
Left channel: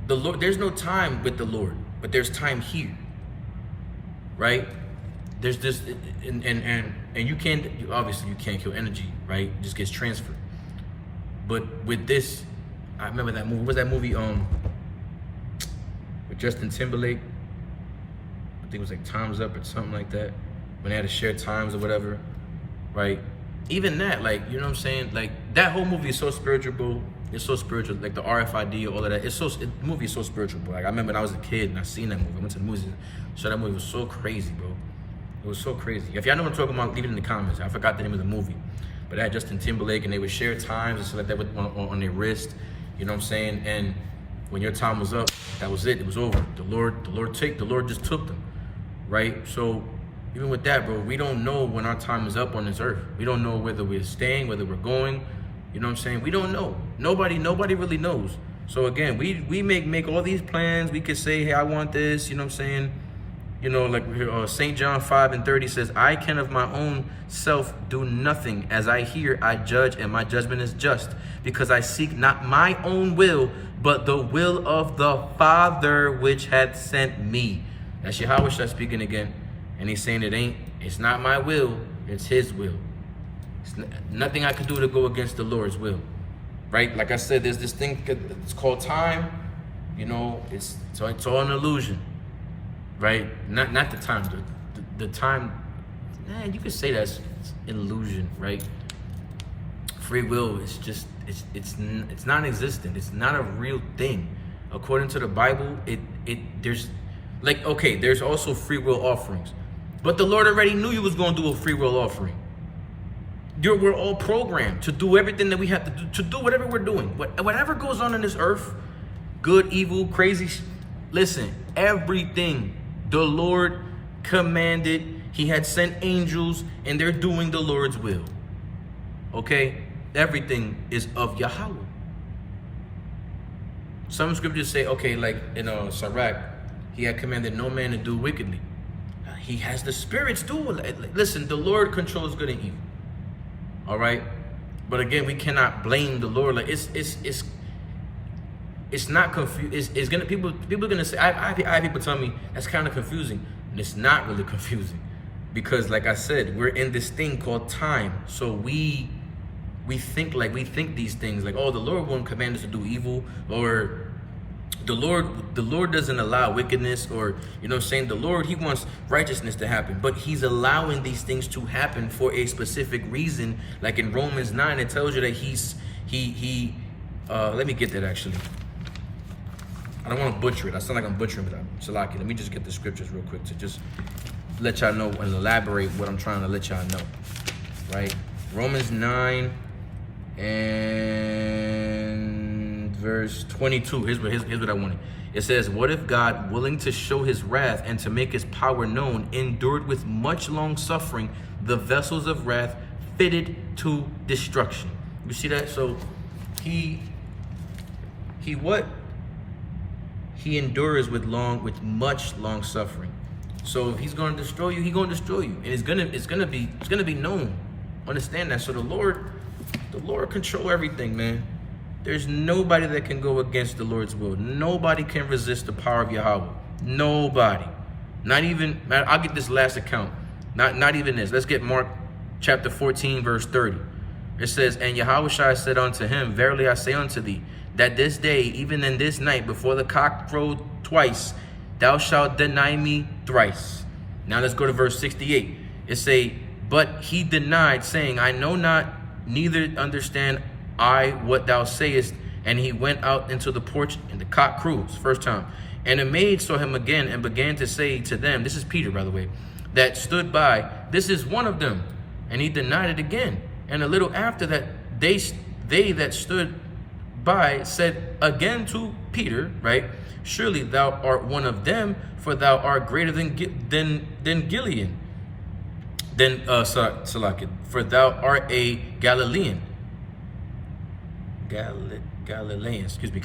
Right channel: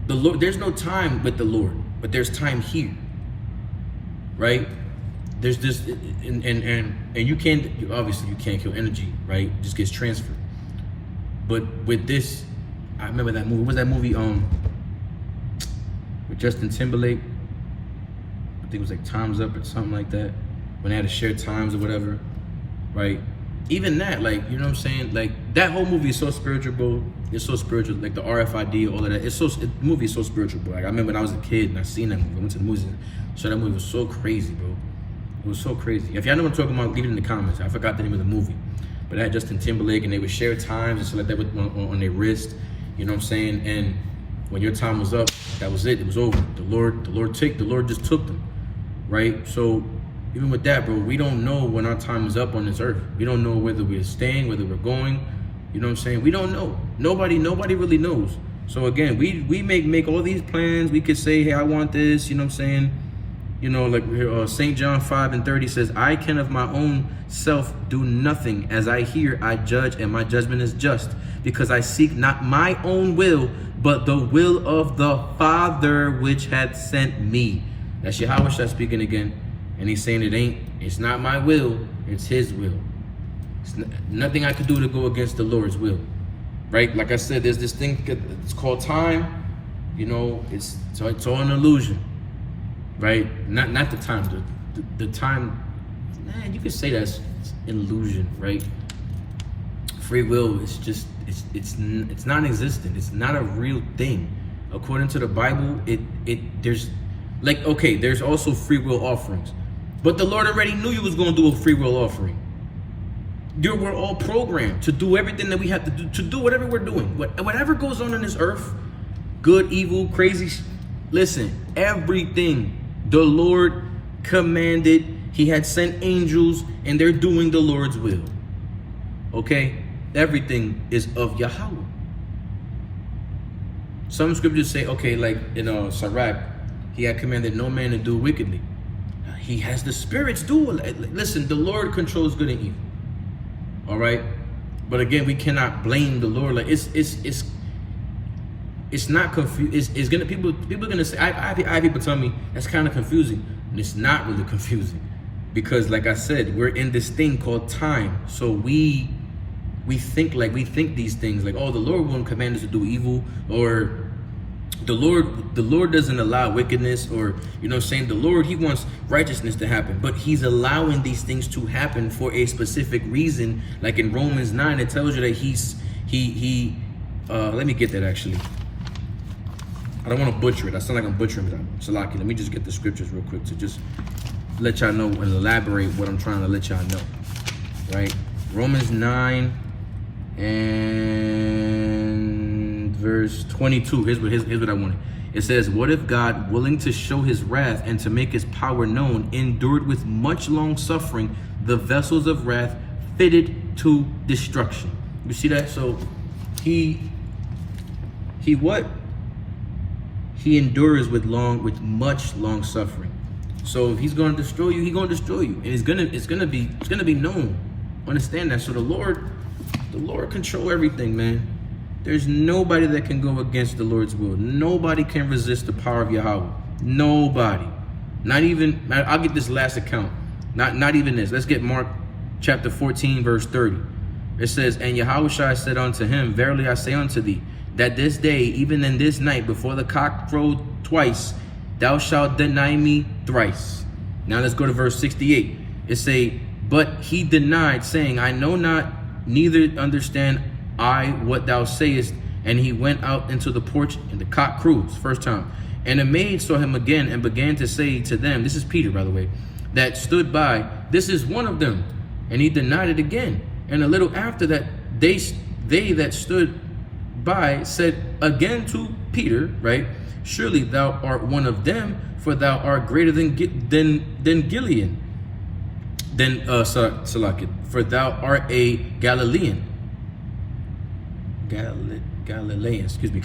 The Lord, there's no time with the Lord, but there's time here. Right? There's this, and you can't, obviously you can't kill energy, right? It just gets transferred. But with this, I remember that movie. What was that movie with Justin Timberlake? I think it was like Time's Up or something like that. When they had to share times or whatever, right? Even that, like, you know what I'm saying? Like, that whole movie is so spiritual, bro. It's so spiritual, like the RFID, all of that. The movie is so spiritual, bro. Like, I remember when I was a kid and I seen that movie. I went to the movies. So that movie was so crazy, bro. It was so crazy. If y'all know what I'm talking about, leave it in the comments. I forgot the name of the movie. But it had Justin Timberlake, and they would share times and stuff like that on their wrist. You know what I'm saying? And when your time was up, that was it. It was over. The Lord just took them, right? So even with that, bro, we don't know when our time is up on this earth. We don't know whether we're staying, whether we're going. You know what I'm saying? We don't know. Nobody really knows. So again, we make all these plans. We could say, hey, I want this. You know what I'm saying? You know, like St. John 5:30 says, I can of my own self do nothing. As I hear, I judge, and my judgment is just, because I seek not my own will, but the will of the Father which hath sent me. That's Yahweh Shah speaking again. And he's saying it's not my will, it's his will. It's nothing I could do to go against the Lord's will. Right? Like I said, there's this thing, it's called time. You know, it's all an illusion. Right? Not the time. The time, you could say that's an illusion, right? Free will is just it's non-existent. It's not a real thing. According to the Bible, there's like, okay, there's also free will offerings. But the Lord already knew you was gonna do a free will offering. We're all programmed to do everything that we have to do whatever we're doing. Whatever goes on this earth, good, evil, crazy, listen, everything the Lord commanded. He had sent angels, and they're doing the Lord's will. Okay? Everything is of Yahweh. Some scriptures say, okay, like in Sirach, he had commanded no man to do wickedly. He has the spirits do it. Listen, the Lord controls good and evil. All right? But again, we cannot blame the Lord. Like it's not confused. It's gonna people are gonna say. I have people tell me that's kind of confusing. And it's not really confusing, because like I said, we're in this thing called time. So we think these things like, oh, the Lord won't command us to do evil, or The Lord doesn't allow wickedness, or, you know what I'm saying? The Lord, he wants righteousness to happen, but he's allowing these things to happen for a specific reason. Like in Romans 9, it tells you that let me get that actually. I don't want to butcher it. I sound like I'm butchering it. Salaki, let me just get the scriptures real quick to just let y'all know and elaborate what I'm trying to let y'all know. Right? Romans 9 and verse 22. Here's what I wanted. It says, what if God, willing to show his wrath and to make his power known, endured with much long suffering the vessels of wrath fitted to destruction? You see that? So he endures with much long suffering. So if he's going to destroy you, he's going to destroy you, and it's gonna be known. Understand that. So the Lord control everything, man. There's nobody that can go against the Lord's will. Nobody can resist the power of Yahweh. Nobody. Not even. I'll get this last account. Not even this. Let's get Mark chapter 14 verse 30. It says, and Yahushua said unto him, verily I say unto thee, that this day, even in this night, before the cock crowed twice, thou shalt deny me thrice. Now let's go to verse 68. It say, but he denied, saying, I know not, neither understand I what thou sayest. And he went out into the porch, and the cock crews, first time. And a maid saw him again, and began to say to them, this is Peter, by the way, that stood by, this is one of them. And he denied it again. And a little after that, they that stood by said again to Peter, right? Surely thou art one of them, for thou art greater than Gilead. For thou art a Galilean. Galilean, excuse me.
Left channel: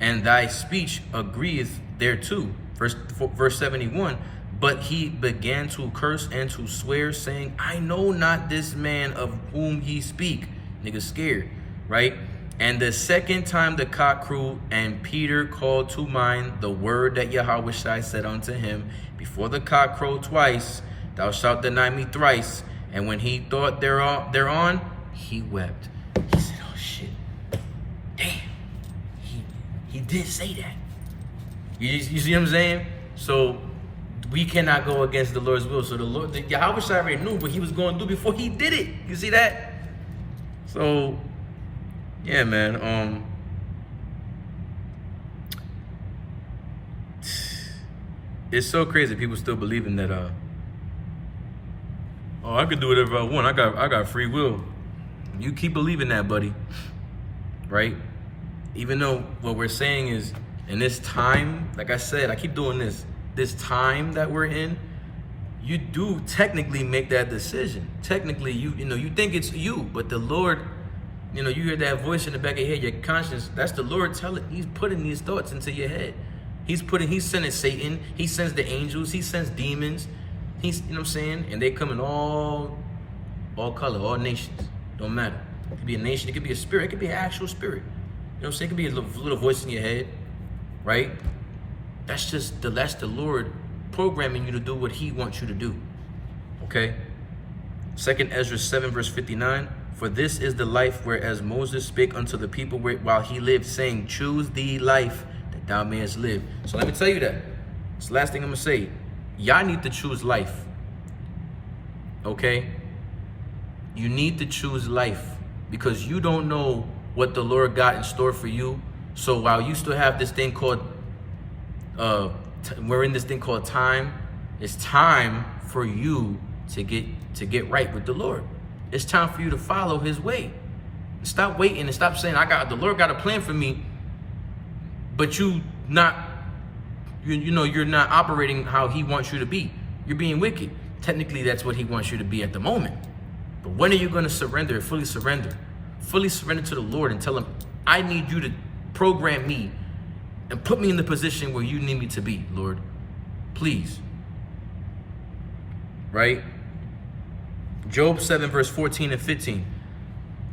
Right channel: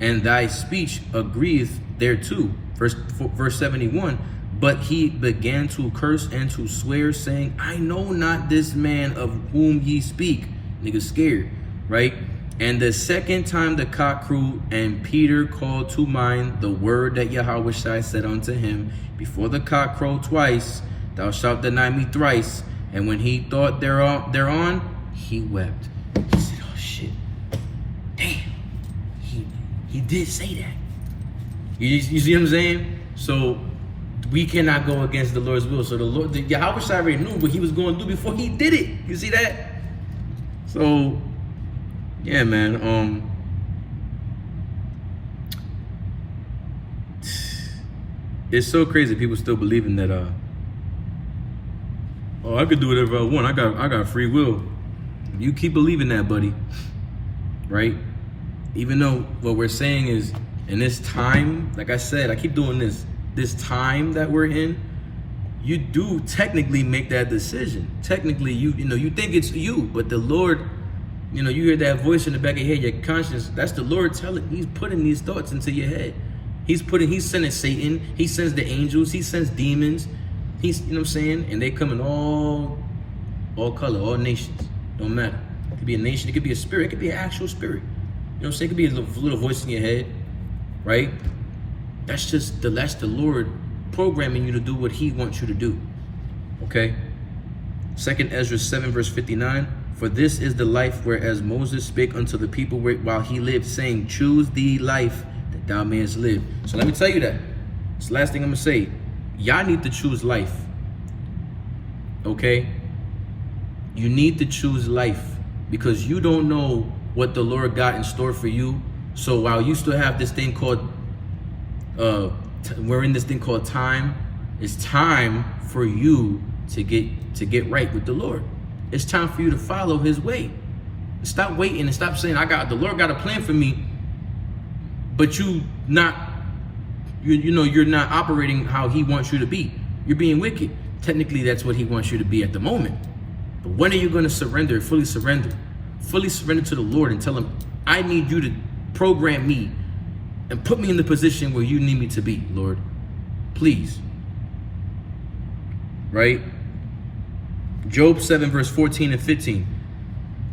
And thy speech agreeth thereto. Verse 71. But he began to curse and to swear, saying, I know not this man of whom ye speak. Nigga scared, right? And the second time the cock crew, and Peter called to mind the word that Yahweh said unto him, before the cock crow twice, thou shalt deny me thrice. And when he thought thereon, he wept. He said, oh shit, damn, he did say that. You see what I'm saying? So we cannot go against the Lord's will. So the Yahweh already knew what he was going to do before he did it. You see that? So yeah, man. It's so crazy people still believing that oh, I could do whatever I want. I got free will. You keep believing that, buddy. Right? Even though what we're saying is, in this time, like I said, I keep doing this time that we're in, you do technically make that decision. Technically, you think it's you, but the Lord, you hear that voice in the back of your head, your conscience, that's the Lord telling. He's putting these thoughts into your head. He's sending Satan, he sends the angels, he sends demons. He's, you know what I'm saying? And they come in all color, all nations. Don't matter. It could be a nation, it could be a spirit, it could be an actual spirit. You know what I'm saying? It could be a little voice in your head, right? That's the Lord programming you to do what he wants you to do. Okay? 2 Ezra 7 verse 59. For this is the life whereas Moses spake unto the people while he lived, saying, choose thee life that thou mayest live. So let me tell you that. It's the last thing I'm going to say. Y'all need to choose life. Okay? You need to choose life, because you don't know what the Lord got in store for you. So while you still have this thing called, we're in this thing called time, it's time for you to get right with the Lord. It's time for you to follow his way. Stop waiting and stop saying, the Lord got a plan for me, but you're not operating how he wants you to be. You're being wicked. Technically, that's what he wants you to be at the moment. But when are you going to surrender, fully surrender to the Lord and tell him, I need you to program me and put me in the position where you need me to be, Lord. Please. Right? Job 7 verse 14 and 15.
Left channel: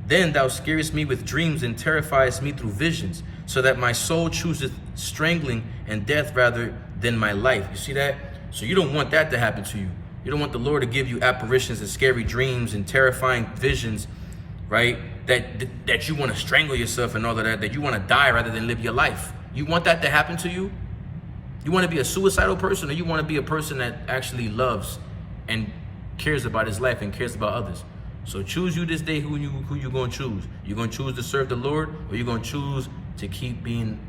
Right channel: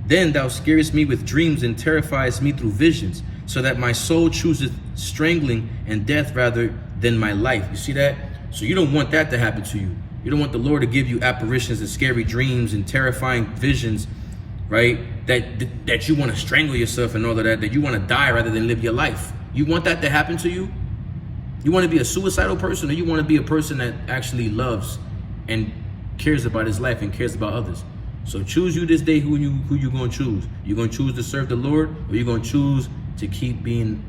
Then thou scarest me with dreams and terrifiest me through visions, so that my soul chooseth strangling and death rather than my life. You see that? So you don't want that to happen to you. You don't want the Lord to give you apparitions and scary dreams and terrifying visions, right? That you want to strangle yourself and all of that you want to die rather than live your life. You want that to happen to you? You want to be a suicidal person, or you want to be a person that actually loves and cares about his life and cares about others? So choose you this day who you gonna choose. You gonna choose to serve the Lord, or you gonna choose to keep being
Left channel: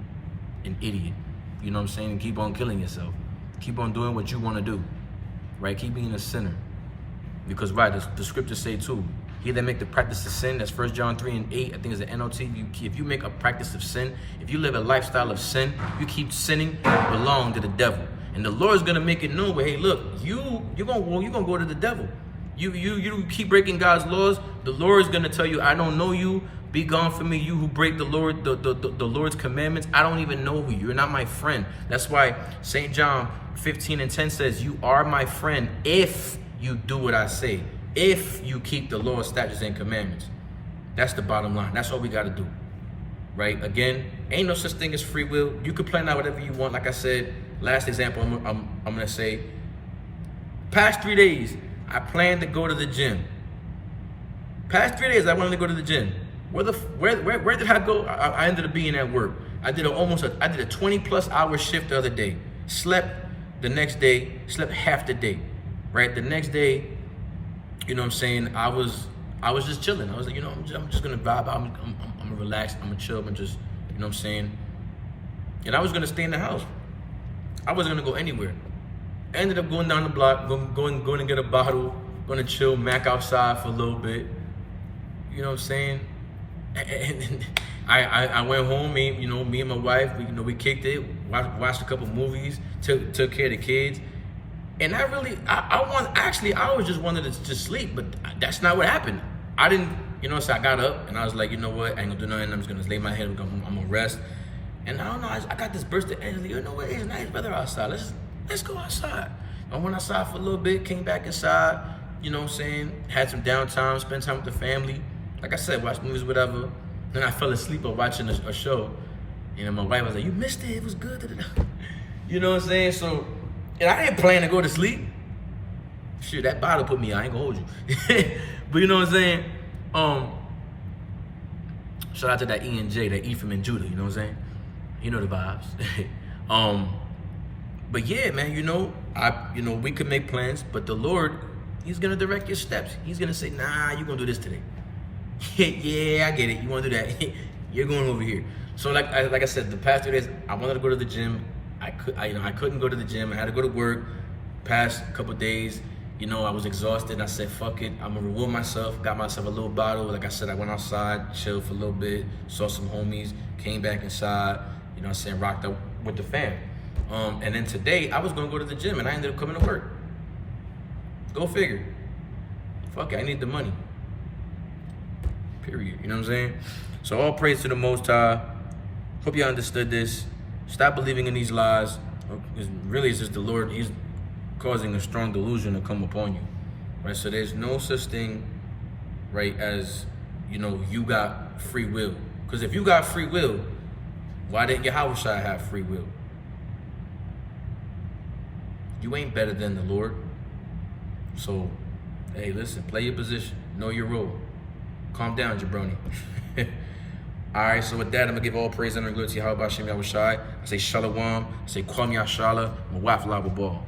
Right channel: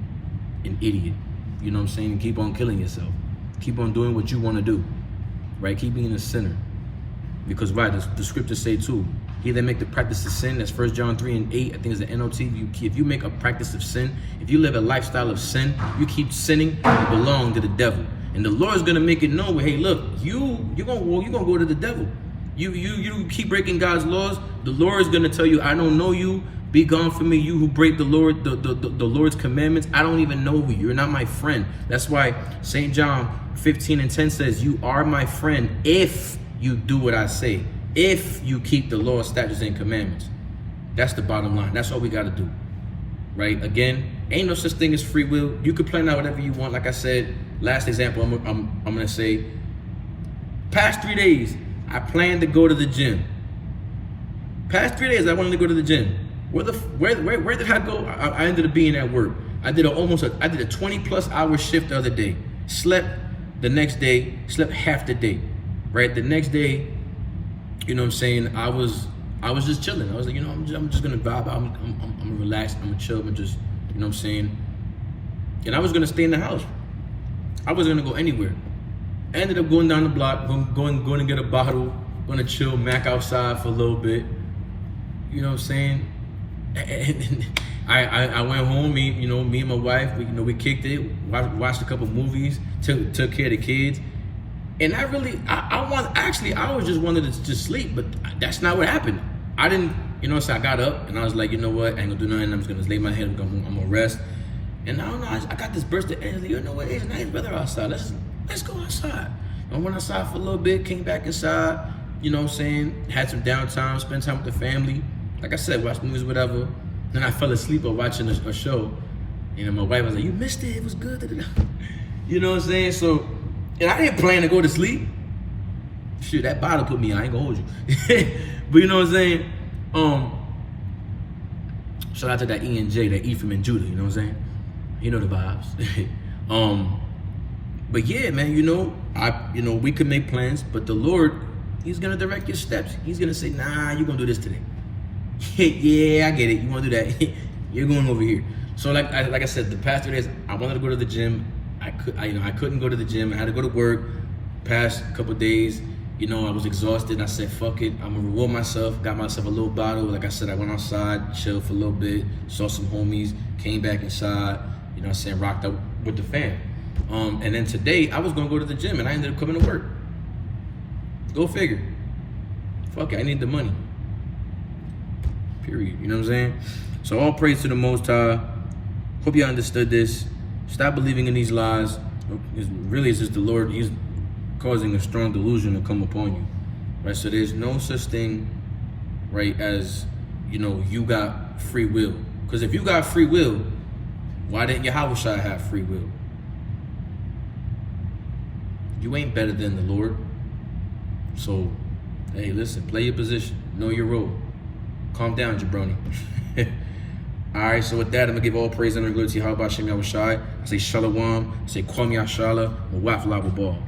an idiot? You know what I'm saying? And keep on killing yourself. Keep on doing what you want to do, right? Keep being a sinner. Because why? The scriptures say too, he that make the practice of sin, that's 1 John 3:8, I think is the NOT. If you make a practice of sin, if you live a lifestyle of sin, you keep sinning, you belong to the devil. And the Lord's gonna make it known, hey, look, you're gonna go to the devil. You keep breaking God's laws, the Lord is gonna tell you, I don't know you. Be gone from me, you who break the Lord's commandments. I don't even know you. You're not my friend. That's why St. John 15:10 says, you are my friend if you do what I say. If you keep the law, statutes, and commandments. That's the bottom line. That's all we got to do, right? Again, ain't no such thing as free will. You can plan out whatever you want. Like I said, last example, I'm gonna say, past 3 days, I planned to go to the gym. Past 3 days, I wanted to go to the gym. Where did I go? I ended up being at work. I did a 20+ hour shift the other day. Slept the next day. Slept half the day, right? The next day, you know what I'm saying, I was just chilling. I was like, you know, I'm just gonna vibe out. I'm gonna relax. I'm gonna chill. I'm just, you know what I'm saying. And I was gonna stay in the house. I wasn't gonna go anywhere. I ended up going down the block, going to get a bottle, gonna chill, mac outside for a little bit. You know what I'm saying. And I went home. Me and my wife, we kicked it, watched a couple movies, took care of the kids. And I was just wanted to just sleep, but that's not what happened. I didn't, so I got up and I was like, you know what, I ain't gonna do nothing. I'm just gonna lay my head, I'm gonna rest. And I don't know, I got this burst of energy. You know what, it's nice weather outside. Let's go outside. I went outside for a little bit, came back inside, you know what I'm saying, had some downtime, spent time with the family. Like I said, watch movies, whatever. Then I fell asleep while watching a show. And my wife was like, you missed it, it was good. You know what I'm saying? So, and I didn't plan to go to sleep. Shit, that bottle put me, I ain't gonna hold you. But you know what I'm saying? Shout out to that ENJ, that Ephraim and Judah, you know what I'm saying? You know the vibes. But yeah, man, we could make plans, but the Lord, he's gonna direct your steps. He's gonna say, nah, you're gonna do this today. Yeah, I get it. You wanna do that? You're going over here. So like I said, the past 3 days, I wanted to go to the gym. I couldn't go to the gym. I had to go to work. Past couple days, I was exhausted. I said, fuck it. I'm gonna reward myself. Got myself a little bottle. Like I said, I went outside, chilled for a little bit, saw some homies, came back inside, rocked up with the fam. And then today, I was gonna go to the gym and I ended up coming to work. Go figure. Fuck it, I need the money. Period, you know what I'm saying? So all praise to the Most High. Hope you understood this. Stop believing in these lies. It's just the Lord, he's causing a strong delusion to come upon you, right? So there's no such thing, right, as, you got free will. Because if you got free will, why didn't Yahweh have free will? You ain't better than the Lord. So, hey, listen, play your position. Know your role. Calm down, jabroni. All right, so with that, I'm going to give all praise and glory to Yahweh Hashem Yahushai. I say shalom. I say kwam yashala. Waf lava ball.